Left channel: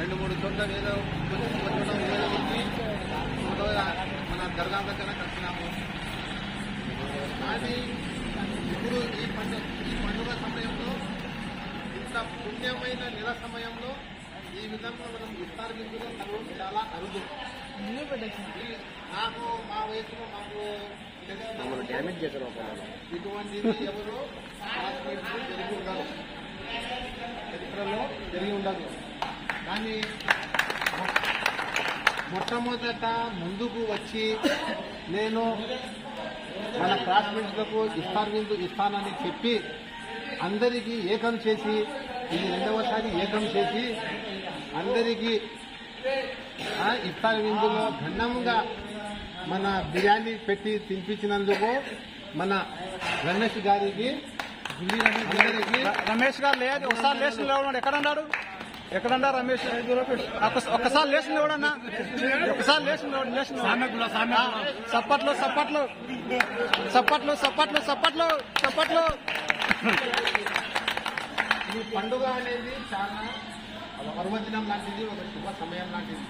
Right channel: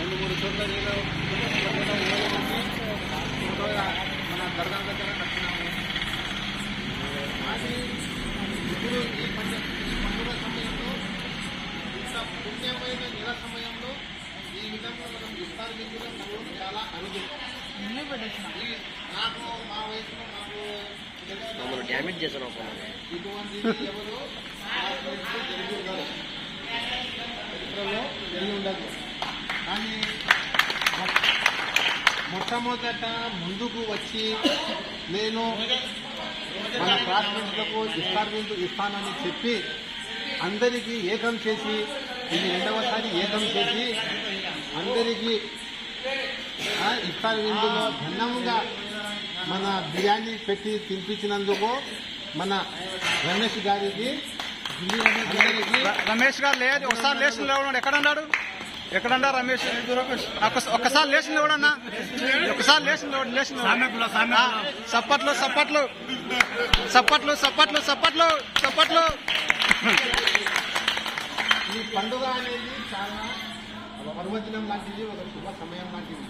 2-3 చోట్ల నేను మన దర్గా దగ్గర కట్టినాము. కానీ ఇప్పుడు ఈ పండుగ సమయంలో ఇంత పుణ్యమైన నెల సమయంలో ఈ విధంగా మనం ఇఫ్తార్ విందులో కలవడం చాలా అరుదు. నాకు మా వయసులో మాకు డ్యామేజ్ చేశారు ఇటువంటి ఎవరు జరిగి ఉండదు, చరిత్రలో జరిగి ఉండదు. కానీ మొట్టమొదట ముందుకు వచ్చి నేను మన క్లాస్మేట్లకు ఇఫ్తార్ విందు ఇస్తానని చెప్పి అందరికీ ఏకం చేసి ఇది 2వసారి ఏకం చేసి అందరికీ ఇఫ్తార్ విందులో భిన్నంగా మన బిర్యానీ పెట్టి తినిపించినందుకు మన రమేష్ గారికి రమేష్ గారు లేదు, ఒకసారి లేచిన లేవడం ఎక్కడన్నాడు? ఎక్కడన్నా రమేష్ ఒక్కసారి లేచిన లేవడన్నా, ఒకసారి లేచిన సప్పట్లు సప్పట్లు సప్పట్లు సప్పట్లు సప్పట్లు సప్పట్లు. ఈ పండుగ అనేది చాలా పర్వదినం లాంటిది, ఒక శుభ సమయం లాంటిది.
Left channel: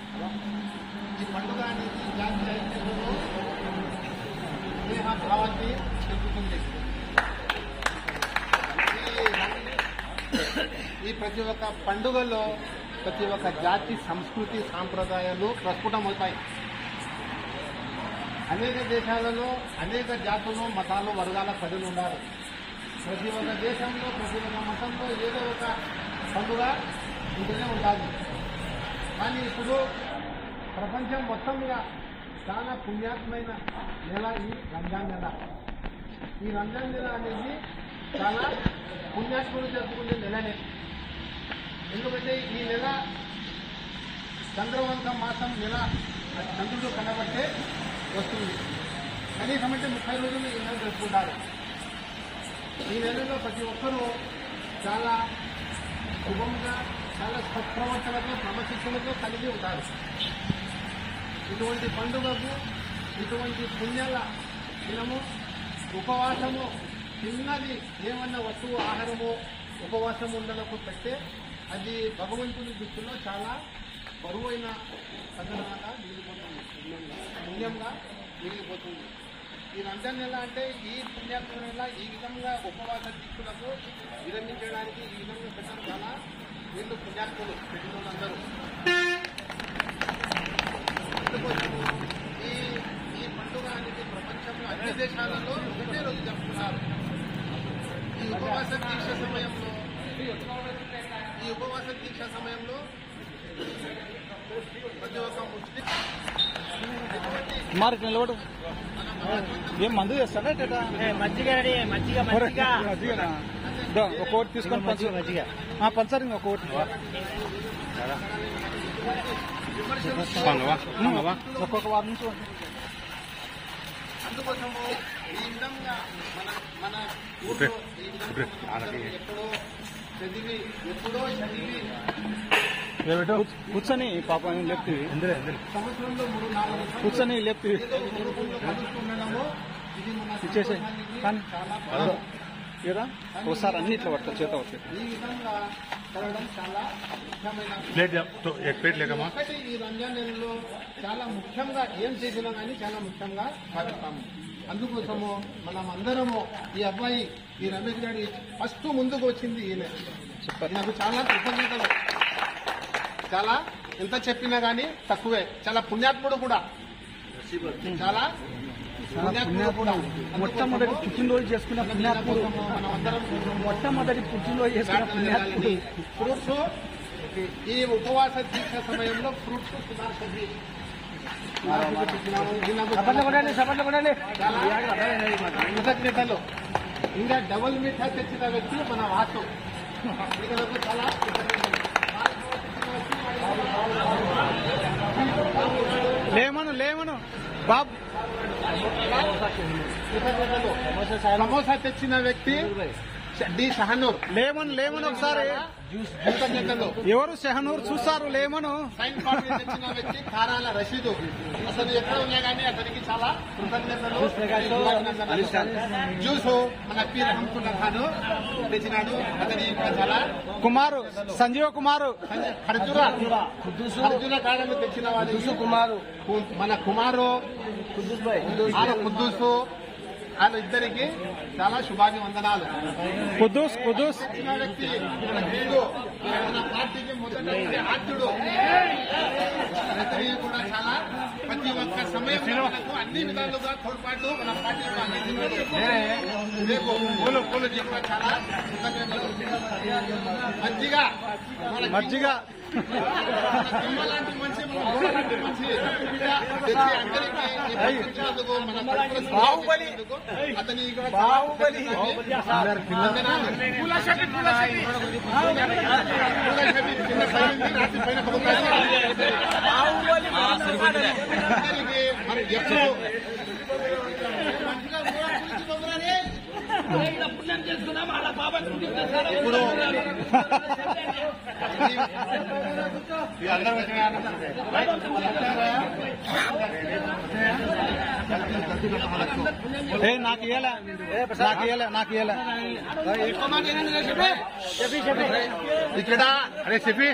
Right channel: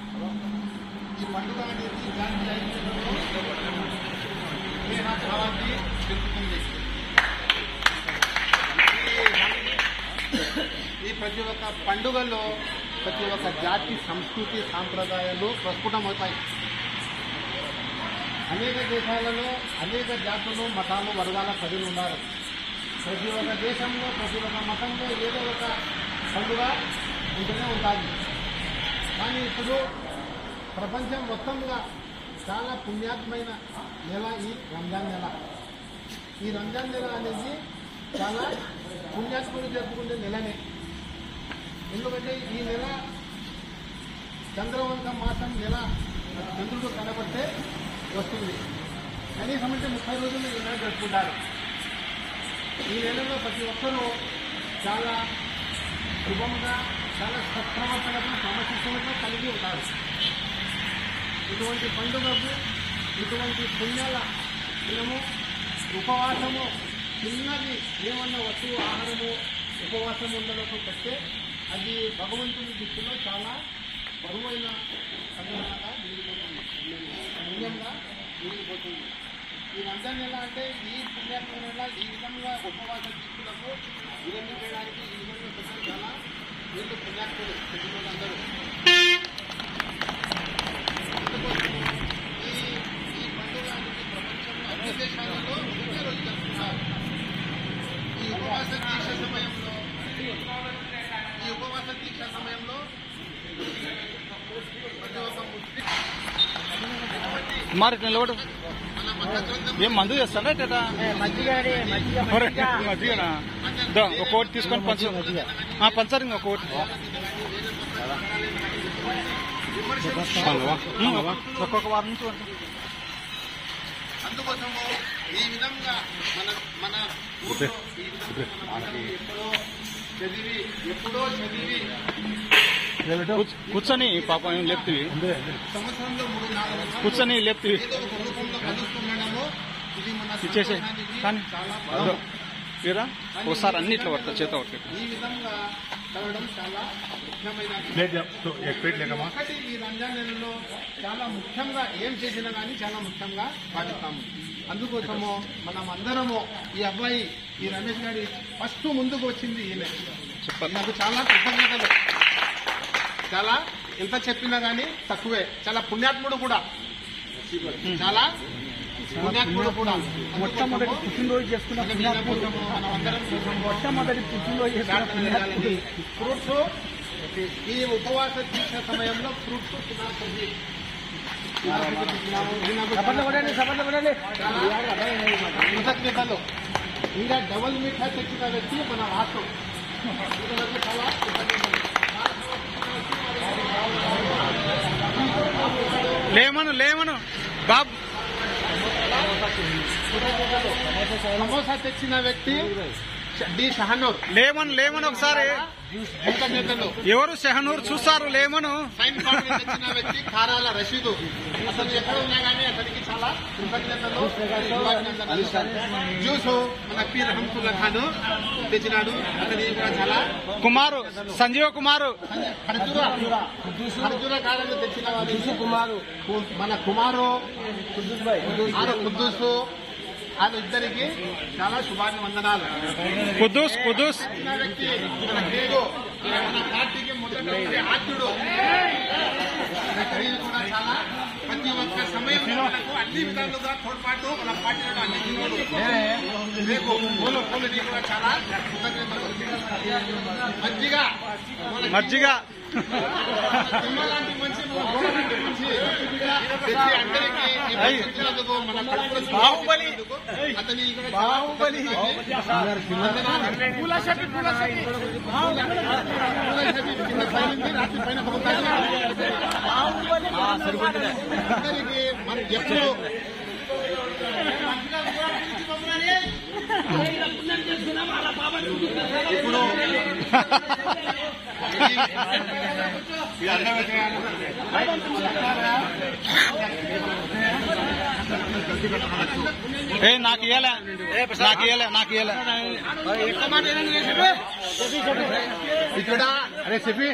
ఈ పండుగ అనేది భావాన్ని పెంచుతుంది. ఈ ప్రతి ఒక్క పండుగలో ప్రతి ఒక్క జాతి సంస్కృతి సాంప్రదాయాలు ప్రస్ఫుటమవుతాయి. అనేక దేశాలలో అనేక జాతులు మతాలు వర్గాల ప్రజలు ఉన్నారు. ప్రతి ఒక్క దేశంలో ప్రతి ఒక్క మతంలో ఏదో ఒక పండుగ ఉంటూనే ఉంటుంది. కానీ ఇప్పుడు ప్రపంచం మొత్తంగా చాలా పుణ్యాత్మైన నెల ఈ రంజాన్ నెల. ఈ రంజాన్ నెల అనేది చాలా పుణ్యాత్ములు జరుపుకునే నెలనే. ఎందుకంటే ఈ నెల చంద్రవంత మాసం నెల చంద్రుడు కనబట్టే వస్తుంది. కనీసం అంటే 30 రోజులు ఈ నెల జరుపుకుంటారు. ఈ నెలలో ప్రతి ఒక్కరూ చాలా శుభంగా చాలా సత్ప్రవర్తనకు క్రమశిక్షణతో కలిగి ఉంటారు. ఇటువంటి పండుగకు ఇటువంటి పుణ్యాల దినము ఉపవాసము చిన్నది ఏమన్నా వస్తువు ఆహారము ఉపవాసం ఉండడానికి పెట్టే అది భగవంతుని దృష్టిలో చాలా బరువైన సంఘటనగా మిగిలిపోతుంది, పుణ్యంగా మిగిలిపోతుంది. ఈ రంజాన్ నెల అంటే ఈ పుణ్యాత్మ నెల ఈ విధంగా ఉపవాస దీక్షులకు విరమించడానికి ఈ విధంగా పెట్టారు. చాలా వీళ్ళు పుణ్యాత్ములు పెట్టిన వాళ్ళందరూ. ఈ పండుగ అనేది ప్రపంచంలో అన్ని దేశాలలో ఒకటే రోజు జరుపుతున్నారు. ఈ ఉపవాస దీక్ష సమయంలో ప్రతి ఒక్క ముస్లిం మరి నిలబడు ఏం మందు చేస్తాడా మజ్జిగనా? ఒక్కోటి తీసుకొని పంచారు ఇంకొకటి ఒక్కొక్క వారం నుంచి అందుకోసము ఈ విధంగా మన ఎప్పుడో చదివి కూర్చొని పాపం ఏం లేపుతీవి, సంవత్సరంలో 3-4 కూర్చొని లేపుతీవి ఇచ్చేసే. కానీ ఇరా ఒకసారి అన్ని ఇట్లా పడతా చేత పడతా. ఈ విధంగా చదవడం చాలా ముఖ్యమైన ఒకటి. ఈ రంజాన్ నెలలో చాలా ముఖ్యంగా ఏం చేసినా కానీ చాలా ముఖ్యంగా పాటిస్తాము. అందుకోసము మనం అందరము ఈ అబ్బాయి ఈ రమేష్ గారి ఫస్ట్ ముందుకు వచ్చింది ఈయన. నాకు చాలా కృతజ్ఞతలు. చాలా ఎంత చెప్పినా కానీ తక్కువే. చాలా పుణ్యాత్ముడు కూడా, చాలా పుణ్యాత్ముడు కూడా. మొట్టమొదటి పుట్టినరోజు చేసుకున్న పుణ్యాత్ముడు, మొట్టమొదటి పుట్టినరోజు చేసుకున్న పుణ్యాత్ముడు. ఫ్రూట్స్ ఈ ఉపవాస దీక్ష సమయంలో ఫ్రూట్స్ తినాల్సింది. కృతజ్ఞతలు. ఇంకా డబల్ మీఠా తెచ్చిన వ్యక్తి మన వాసు. చాలా లేమను బాబు. సమోసా తెచ్చిన వ్యక్తి డి షహనూర్. లేమను ఒకసారి ఎవరు షహనూర్ చూస్తారు. లేమను సైన్ కార్డు తెచ్చిన వ్యక్తి కారాల రషీదు. అతను ఎక్కడ ఉన్నా కానీ అతనికి చాలా కృతజ్ఞతలు. జ్యూస్ మన పి రహంతుల్లా ఖాన్ తెచ్చినాడు, అతని కూడా చాలా కుమారు సంజీవ కుమారు ఖర్జూర కాయలను తెచ్చిన వాళ్ళు మన కుమారు కుద్దూసు వాళ్ళ ఇద్దరికి చాలా శుభాభివందనాలు. కుద్దూస్ వచ్చిన వ్యక్తి వీరు మన పార్టీకి మొదటి ఆద్యుడు. అతనికి కూడా చాలా ప్రతి ఒక్క సమయంలో మనకు అన్ని విధాలుగా తోడ్పాటు మన పార్టీ కూడా అందించినాడు. రేపు పూలు కూడా చాలా కృతజ్ఞతలు. మజ్జిగ లాంటి మంచి మన గోడ లాంటి మంచి తెచ్చి అందరికీ ఇచ్చినందుకు మన బాహుబలి అతని బాహుబలి మన ఎప్పుడు నాకు ఇయ్యలే ఇక్కడ అరే చెప్పి